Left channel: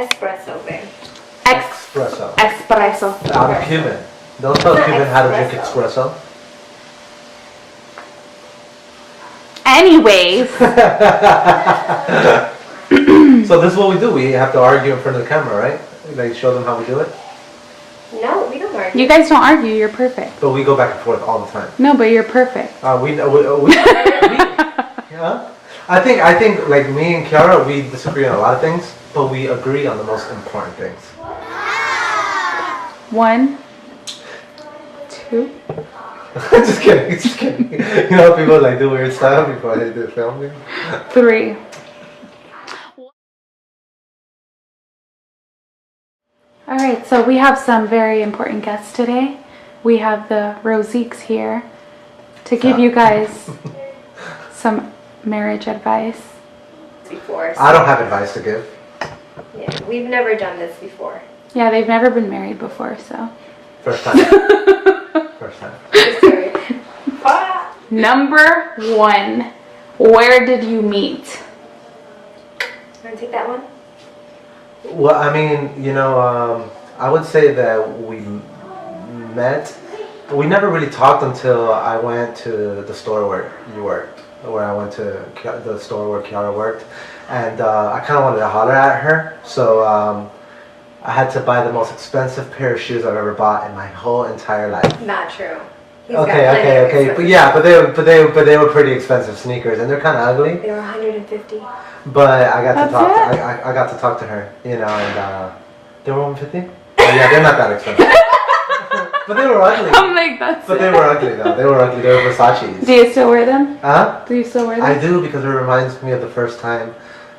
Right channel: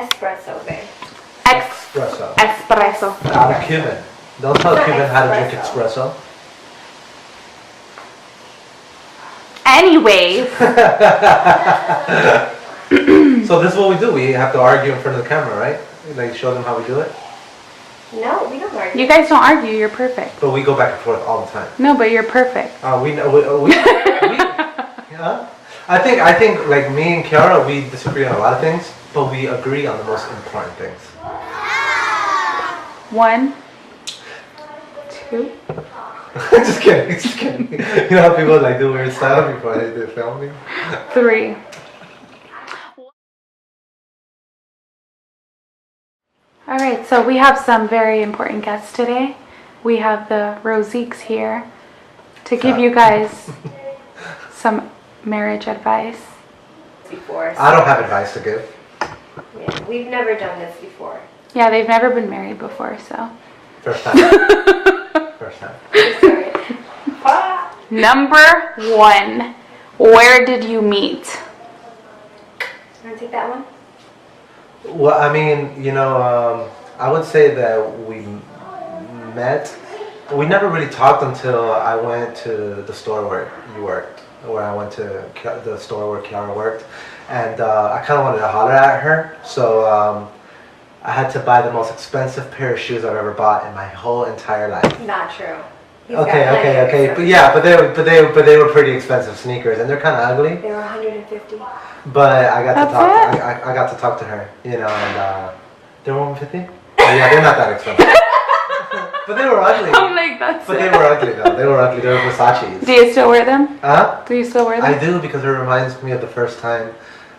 Espresso, babe. Espresso. Espresso. Out of Cuban. Don't tell Not Cuban how to drink espresso. espresso. Anyways. So this is what we do. We have to argue in front of the camera, right? Like show them how we do it. No, we don't argue. You guys don't argue. You're perfect. But we go back and forth all the time. No, but you're perfect. Yeah. I think like me and Kiara, we disagree on a lot of things, but we agree on the most important things. 1, 2. Just kidding. You know how people like do weird stuff before they film me? 3. Alright, so we have some very important guests today. We have the Rossiques here to give you guys some marriage advice. Before. I don't have advice to give. Yeah, we've never done this before. Yeah, they've never been married before, so. First time. First time. Number 1, where did you meet? Want to take that one? Well, I mean, you know, I would say that we met. We never really talked until I went to the store where you worked, where I went to the store where Kiara worked, and I kind of wanted to holler at her, so I had to buy the most expensive pair of shoes I've ever bought in my whole entire life. Not true. Okay. But yeah, but they were pretty expensive sneakers, and they're kind of ugly. They were $150. But I got That's to talk. it? I got to talk to her, you know, and they were $150. Oh, yeah, they're not that expensive. But they were ugly. I'm like, that's But it. they were ugly though. They were ugly. They were Versace's. Do you still wear them? Huh? Do you still wear them? I do, because it reminds me of the first time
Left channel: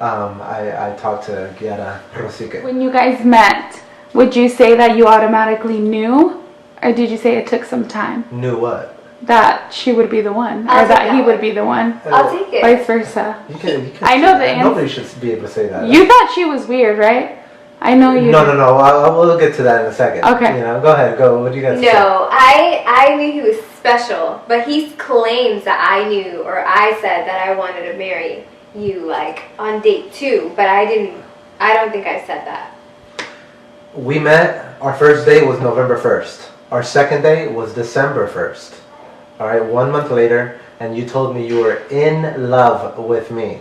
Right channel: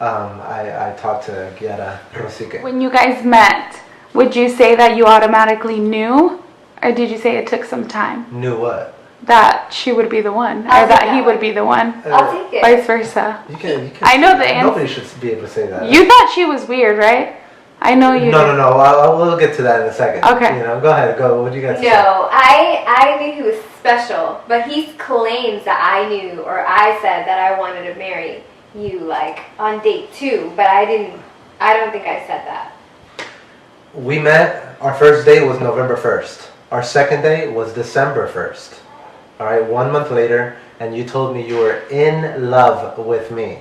I talked to Giada Rossique. When you guys met, would you say that you automatically knew? Or did you say it took some time? Knew what? That she would be the one. I'll Or that take he that would one. be the one. I'll take it. Vice versa. You can I know say the that. answer. Nobody should be able to say that. You thought she was weird, right? I know you did. No. We'll get to that in a second. Okay. You know, go ahead. Go. What do you got to say? No, I knew he was special, but he claims that I knew, or I said that I wanted to marry you, like, on date 2, but I don't think I said that. We met, our first date was November 1st. Our second date was December 1st. All right, 1 month later, and you told me you were in love with me.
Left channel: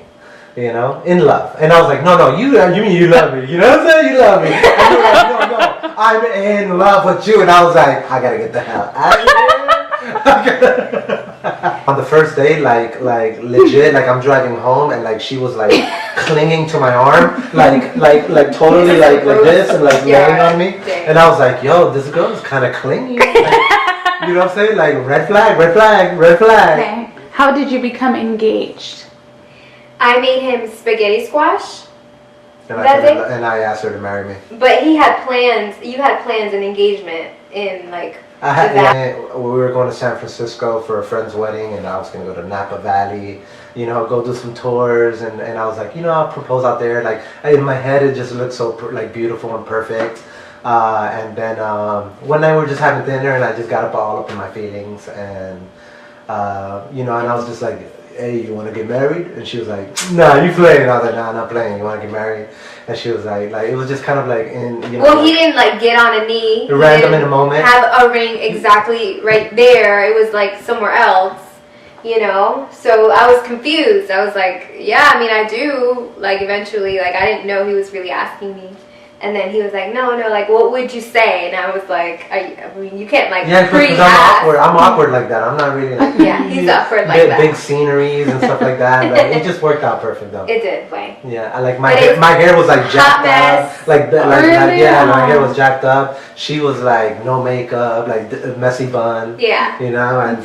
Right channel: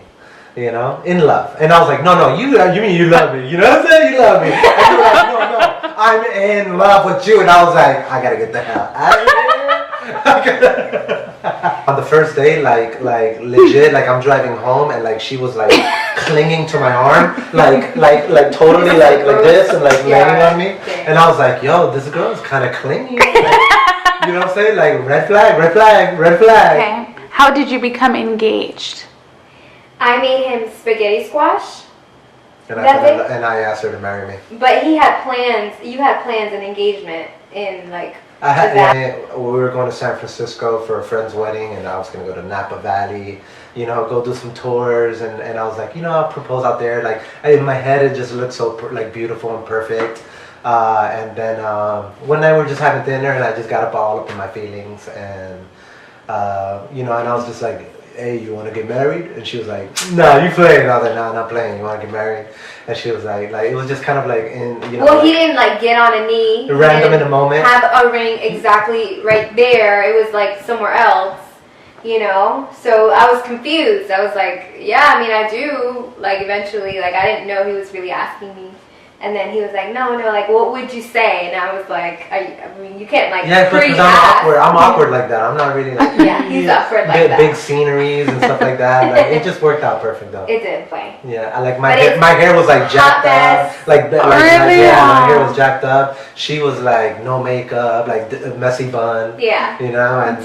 You know, in love. And I was like, no, you mean you love me. You know what I'm saying? You love me. And you were like, no, I'm in love with you. And I was like, I gotta get the hell out of here. On the first day, like legit, like I'm driving home and like she was like clinging to my arm, like totally like this and like laying on me. And I was like, yo, this girl is kind of clingy. Like, you know what I'm saying? Like red flag. Okay. How did you become engaged? I made him spaghetti squash, And I asked her to marry me. but he had plans. You had plans and engagement in like. We were going to San Francisco for a friend's wedding, and I was going to go to Napa Valley, you know, go do some tours, and I was like, you know, I'll propose out there. Like, in my head, it just looked so, like, beautiful and perfect. And then one night we were just having dinner, and I just got all up in my feelings, and, you know, and I was just like, hey, you want to get married? And she was like, nah, you playing. And I was like, nah, I'm not playing. You want to get married? And she was like, it was just kind of like in, you know. Well, like, he didn't like get on a knee. Random in a moment. Have a ring exactly right there. It was like somewhere else, you know. So I was confused. I was like, yeah, I mean, I do. Like eventually, like I didn't know he was really asking me. And then he was like, no, like, what would you say? And I was like, I mean, you can't, like, because I'm awkward like that. I'm not really, like, yeah, he's awkward like that. Big sceneries and stuff like that. Like, it just worked out perfect, though. It did, way. Yeah, I like my hair was, like, jacked up. Yeah, my hair was jacked up. She was, like, no makeup, like, a messy bun. Yeah. You know, and,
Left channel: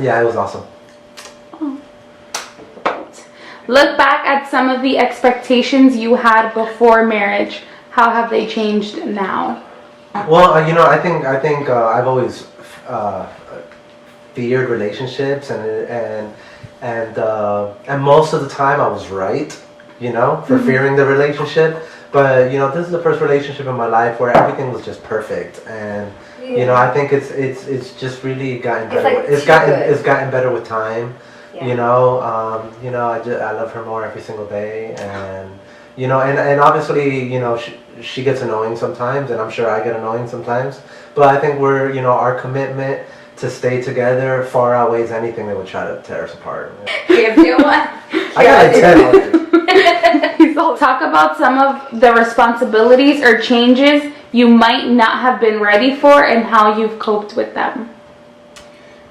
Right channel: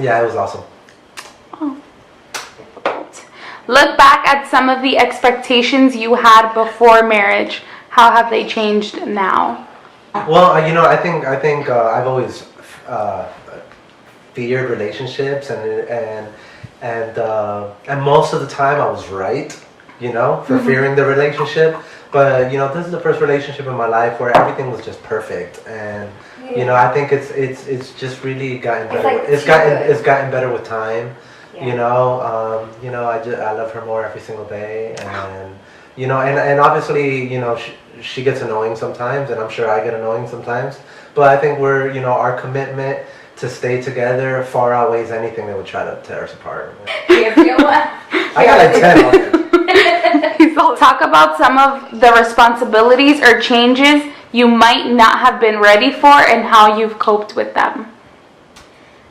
yeah, it was awesome. Look back at some of the expectations you had before marriage. How have they changed now? Well, you know, I think I've always feared relationships, and most of the time I was right, you know, for fearing the relationship. But you know, this is the first relationship in my life where everything was just perfect, and you know, I think it's just really gotten better. Like it's gotten better with time. Yeah. You know, I love her more every single day, and you know, and obviously, you know, she gets annoying sometimes, and I'm sure I get annoying sometimes. But I think we're, you know, our commitment to stay together far outweighs anything that would try to tear us apart. You feel what? I got like 10 already. Talk about some of the responsibilities or changes you might not have been ready for and how you've coped with them.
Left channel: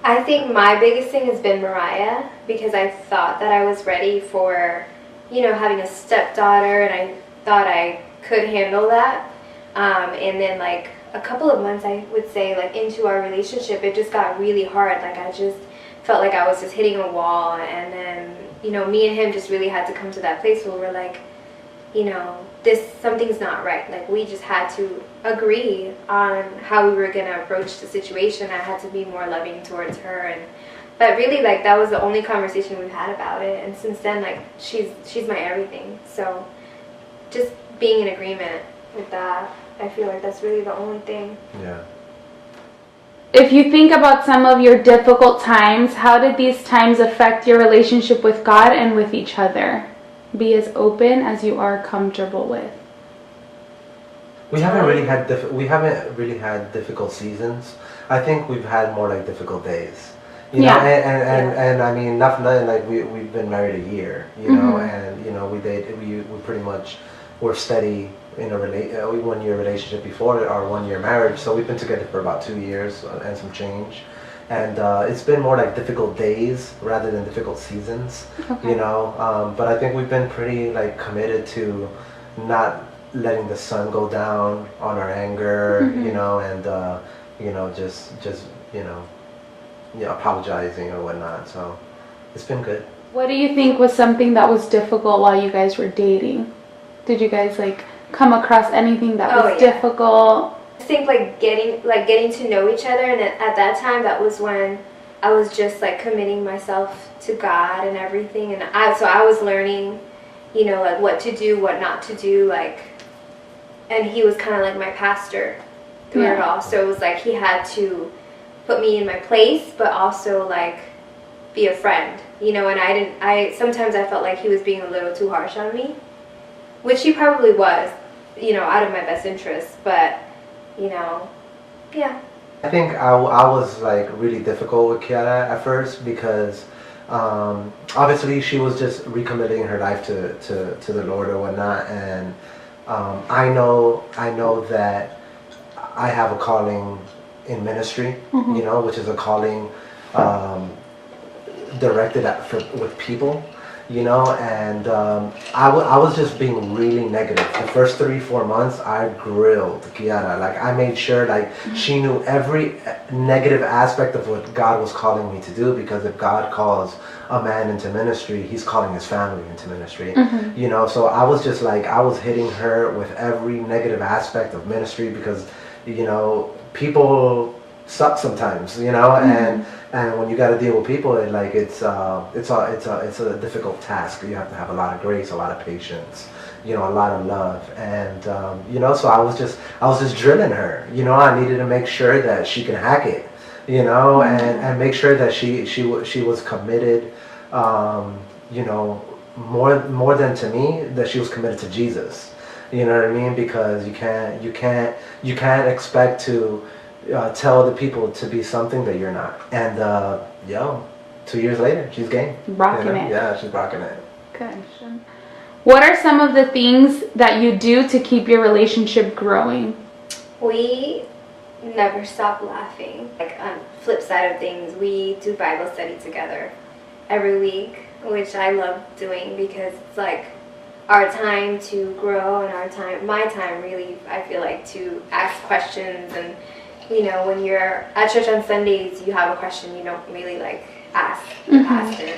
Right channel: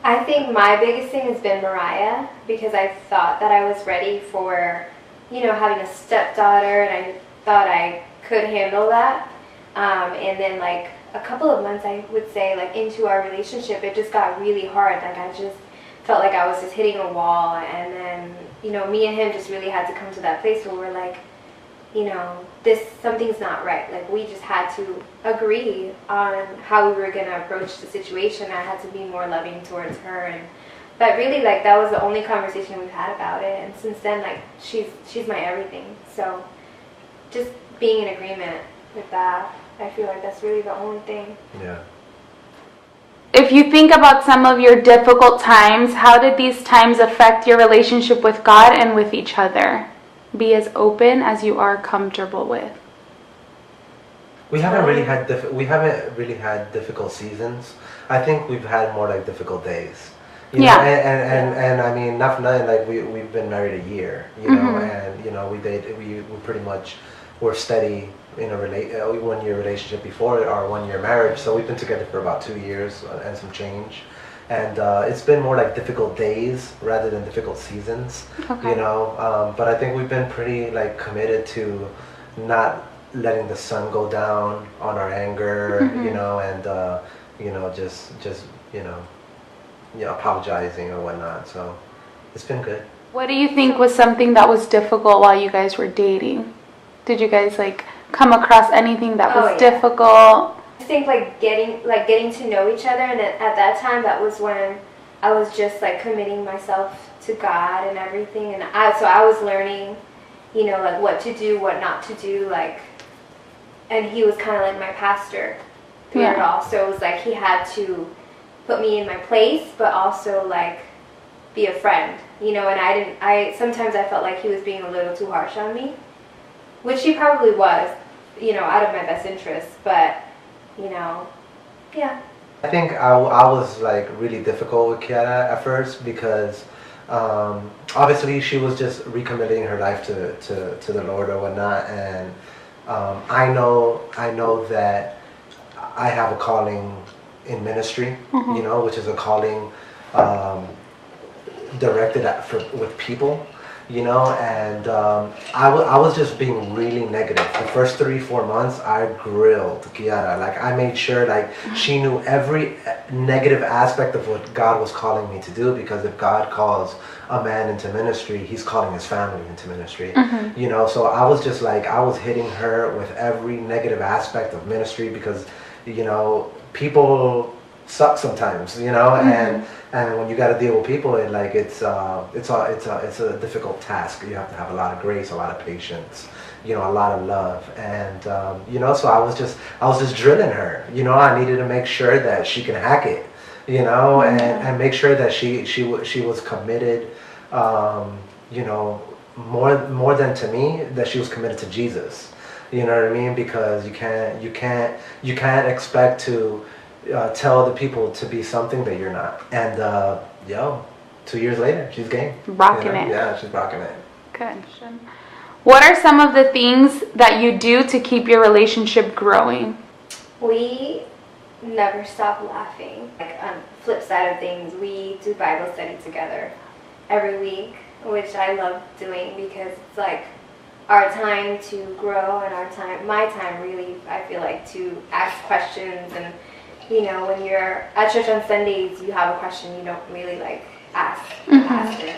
I think my biggest thing has been Mariah, because I thought that I was ready for, you know, having a stepdaughter, and I thought I could handle that. And then like a couple of months, I would say, like into our relationship, it just got really hard. Like I just felt like I was just hitting a wall, and then, you know, me and him just really had to come to that place where we're like, you know, something's not right. Like we just had to agree on how we were gonna approach the situation. I had to be more loving towards her, and but really, like, that was the only conversation we've had about it. And since then, like, she's my everything. So just being in agreement with that, I feel like that's really the only thing. Yeah. If you think about some of your difficult times, how did these times affect your relationship with God and with each other? Be as open as you are comfortable with. We haven't really had difficult seasons. I think we've had more like difficult days. You know, and I mean, nothing like we've been married a year, you know, and you know, we pretty much were steady in a 1 year relationship before our 1 year marriage. So we've been together for about 2 years and some change. And it's been more like difficult days rather than difficult seasons, you know. But I think we've been pretty like committed to not letting the sun go down on our anger, you know, and you know, just you know, apologizing or whatnot. So it's been good. What do you think was something that was difficult while you guys were dating? Did you guys like come across anything that was difficult? I think like getting to know each other, and at that time, that was when I was just like committing myself to God and everything, and I was learning, you know, like what to do, what not to do, like, and he was kind of like my pastor through it all. So it was like he had to put me in my place, but also like be a friend, you know. And I sometimes I felt like he was being a little too harsh on me, which he probably was, you know, out of my best interest, but. You know, yeah. I think I was like really difficult with Kiara at first because obviously she was just recommitting her life to the Lord or whatnot, and I know that I have a calling in ministry, you know, which is a calling directed with people. You know, and I was just being really negative. The first 3-4 months, I grilled Kiara. Like, I made sure, like, she knew every negative aspect of what God was calling me to do, because if God calls a man into ministry, he's calling his family into ministry. You know, so I was just like, I was hitting her with every negative aspect of ministry because, you know, people suck sometimes, you know, and when you got to deal with people, it's a difficult task. You have to have a lot of grace, a lot of patience, you know, a lot of love, and you know, so I was just drilling her. You know, I needed to make sure that she can hack it, you know, and make sure that she was committed, you know, more than to me, that she was committed to Jesus. You know what I mean? Because you can't expect to tell the people to be something that you're not. And 2 years later, she's game. Rocking you know? it. Yeah, she's rocking it. Good. What are some of the things that you do to keep your relationship growing? We never stop laughing. Like, on the flip side of things, we do Bible study together every week, which I love doing because it's like our time to grow and my time really, I feel like, to ask questions. And you know, when you're at church on Sundays, you have a question, you don't really like ask the pastor,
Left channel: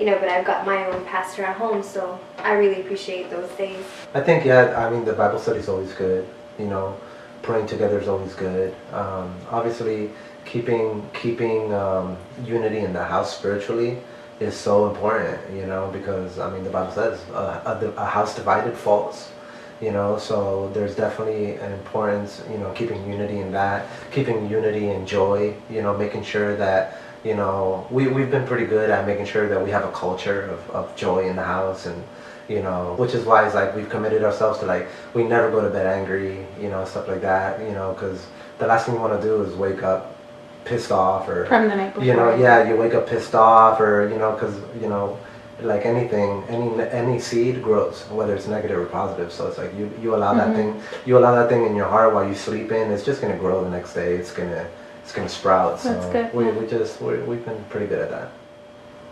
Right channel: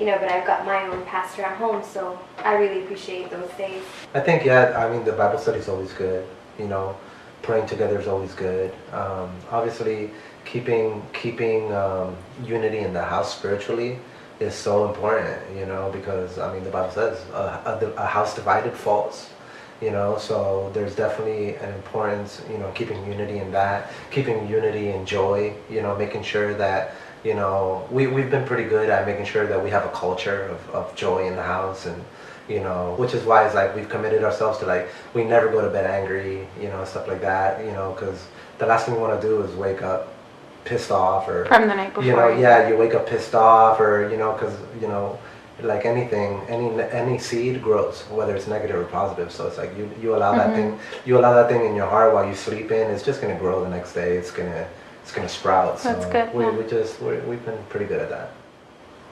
you know, but I've got my own pastor at home, so I really appreciate those days. I think, I mean, the Bible study is always good, you know, praying together is always good. Obviously, keeping unity in the house spiritually is so important, you know, because, I mean, the Bible says a house divided falls. You know, so there's definitely an importance, you know, keeping unity in that, keeping unity in joy, you know, making sure that, you know, we've been pretty good at making sure that we have a culture of joy in the house, and, you know, which is why it's like we've committed ourselves to like we never go to bed angry, you know, stuff like that, you know, because the last thing you want to do is wake up pissed off or From the night before. you know, yeah, you wake up pissed off or you know, because you know, like anything, any seed grows, whether it's negative or positive. So it's like you allow that thing, you allow that thing in your heart while you sleep in. It's just gonna grow the next day. It's gonna sprout. So That's good, we've been pretty good at that.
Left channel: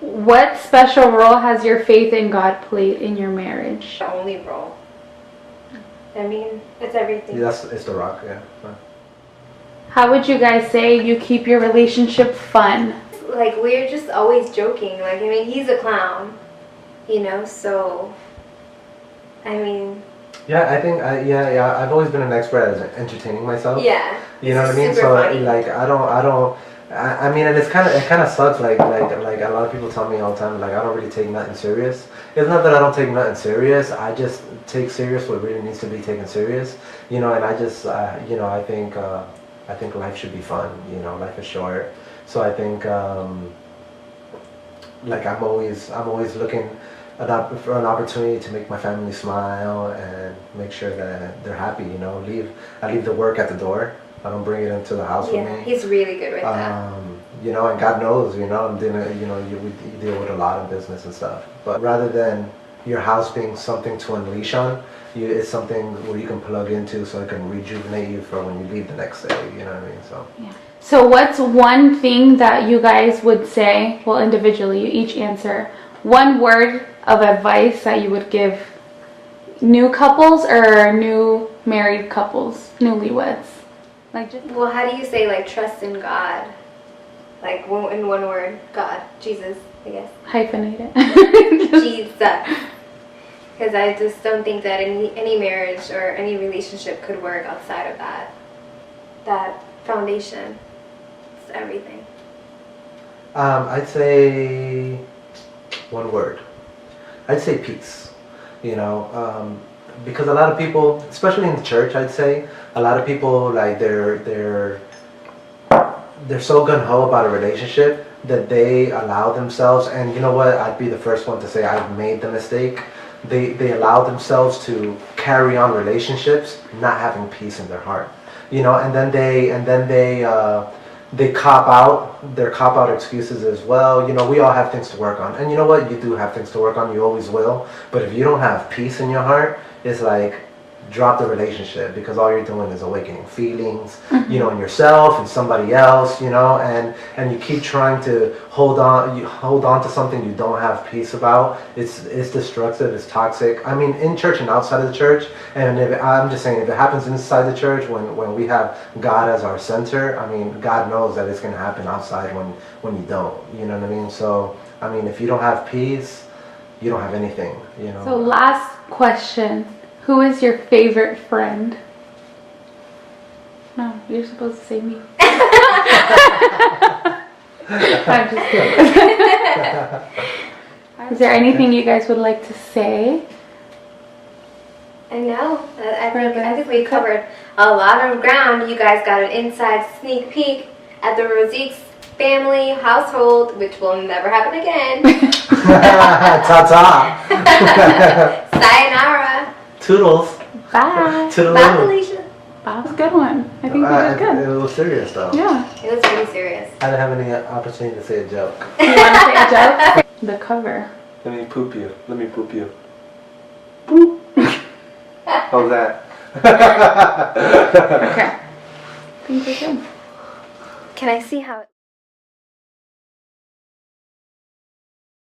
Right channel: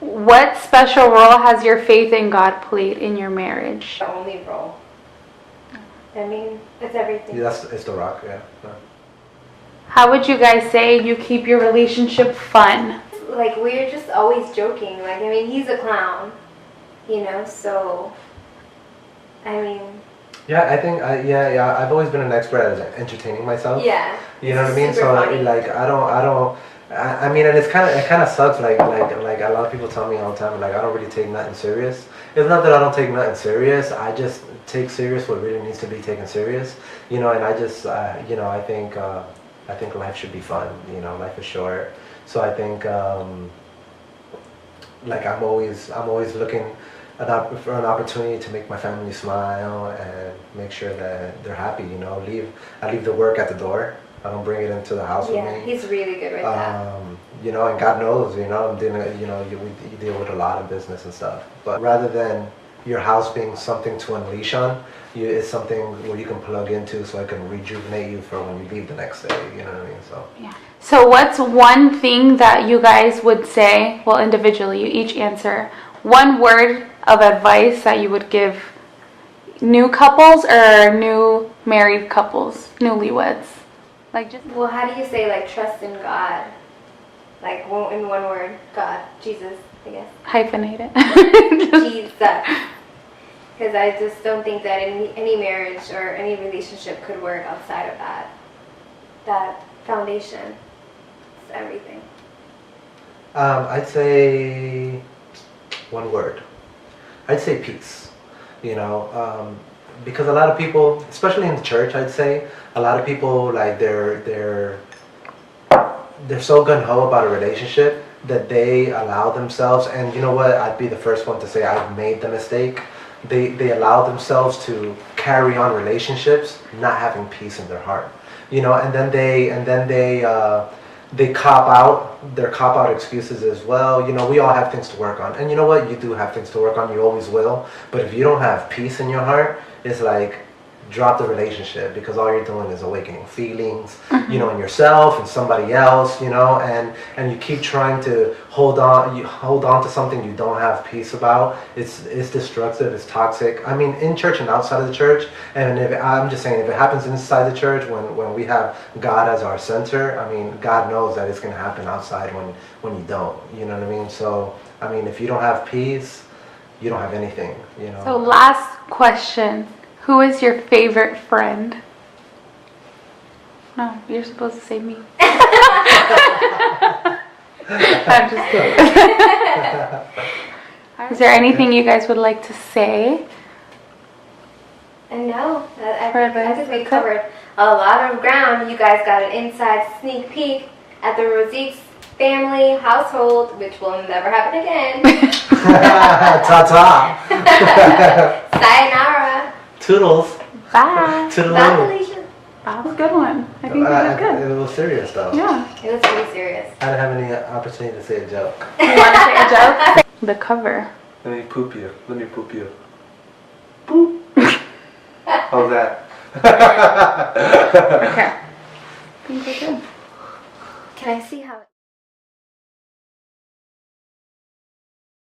What special role has your faith in God played in your marriage? The only role. I mean, it's everything. Yeah, it's the rock. Yeah. How would you guys say you keep your relationship fun? Like, we're just always joking. Like, I mean, he's a clown, you know, so, I mean. Yeah, I think, I've always been an expert at entertaining myself. Yeah. You know what I mean? Super So, funny. like, I mean, and it kind of sucks, like a lot of people tell me all the time, like, I don't really take nothing serious. It's not that I don't take nothing serious, I just take serious what really needs to be taken serious, you know, and I just, you know, I think life should be fun, you know, life is short. So I think, like I'm always looking for an opportunity to make my family smile and make sure that they're happy. You know, I leave the work at the door. I don't bring it into the house with me. He's really good with that. You know, and God knows, you know, I'm doing, you know, you deal with a lot of business and stuff. But rather than your house being something to unleash on, it's something where you can plug into so it can rejuvenate you for when you leave the next day. You know what I mean? So. Yeah. So what's one thing that you guys would say, well, individually, you each answer, one word of advice that you would give new couples or new married couples, newlyweds? Like just. Well, how do you say, like, trust in God? Like, in one word, God, Jesus, I guess. Hyphenate it. Jesus. Because I just don't think that any marriage or any relationship could work outside of that foundation. It's everything. I'd say one word. I'd say peace. You know, because a lot of people, especially in the church, I'd say a lot of people like they're so gung-ho about a relationship that they allow themselves, and you know what, I'd be the first one to say I've made the mistake. They allow themselves to carry on relationships not having peace in their heart, you know, and then they cop out. Their cop out excuses as well. You know, we all have things to work on, and you know what, you do have things to work on. You always will. But if you don't have peace in your heart, it's like drop the relationship, because all you're doing is awakening feelings, you know, in yourself and somebody else, you know, and you keep trying to hold on to something you don't have peace about. It's destructive, it's toxic. I mean, in church and outside of the church. And I'm just saying, if it happens inside the church when we have God as our center, I mean, God knows that it's going to happen outside when you don't, you know what I mean? So I mean, if you don't have peace, you don't have anything, you know. So last question. Who is your favorite friend? No, you're supposed to say me. I'm just kidding. Is there anything you guys would like to say? And no, I think we covered a lot of ground. You guys got an inside sneak peek at the Rossique's family household, which will never happen again. Ta-ta. Sayonara. Toodles. Bye. Toodaloo. Bye, Felicia. That was a good one. I think we did good. It was serious though. Yeah. It was pretty serious. I didn't have any opportunity to say a joke. You want to say a joke? The cover. Let me poop you. Boop. How's that? Okay. I think we're good. Can I see how...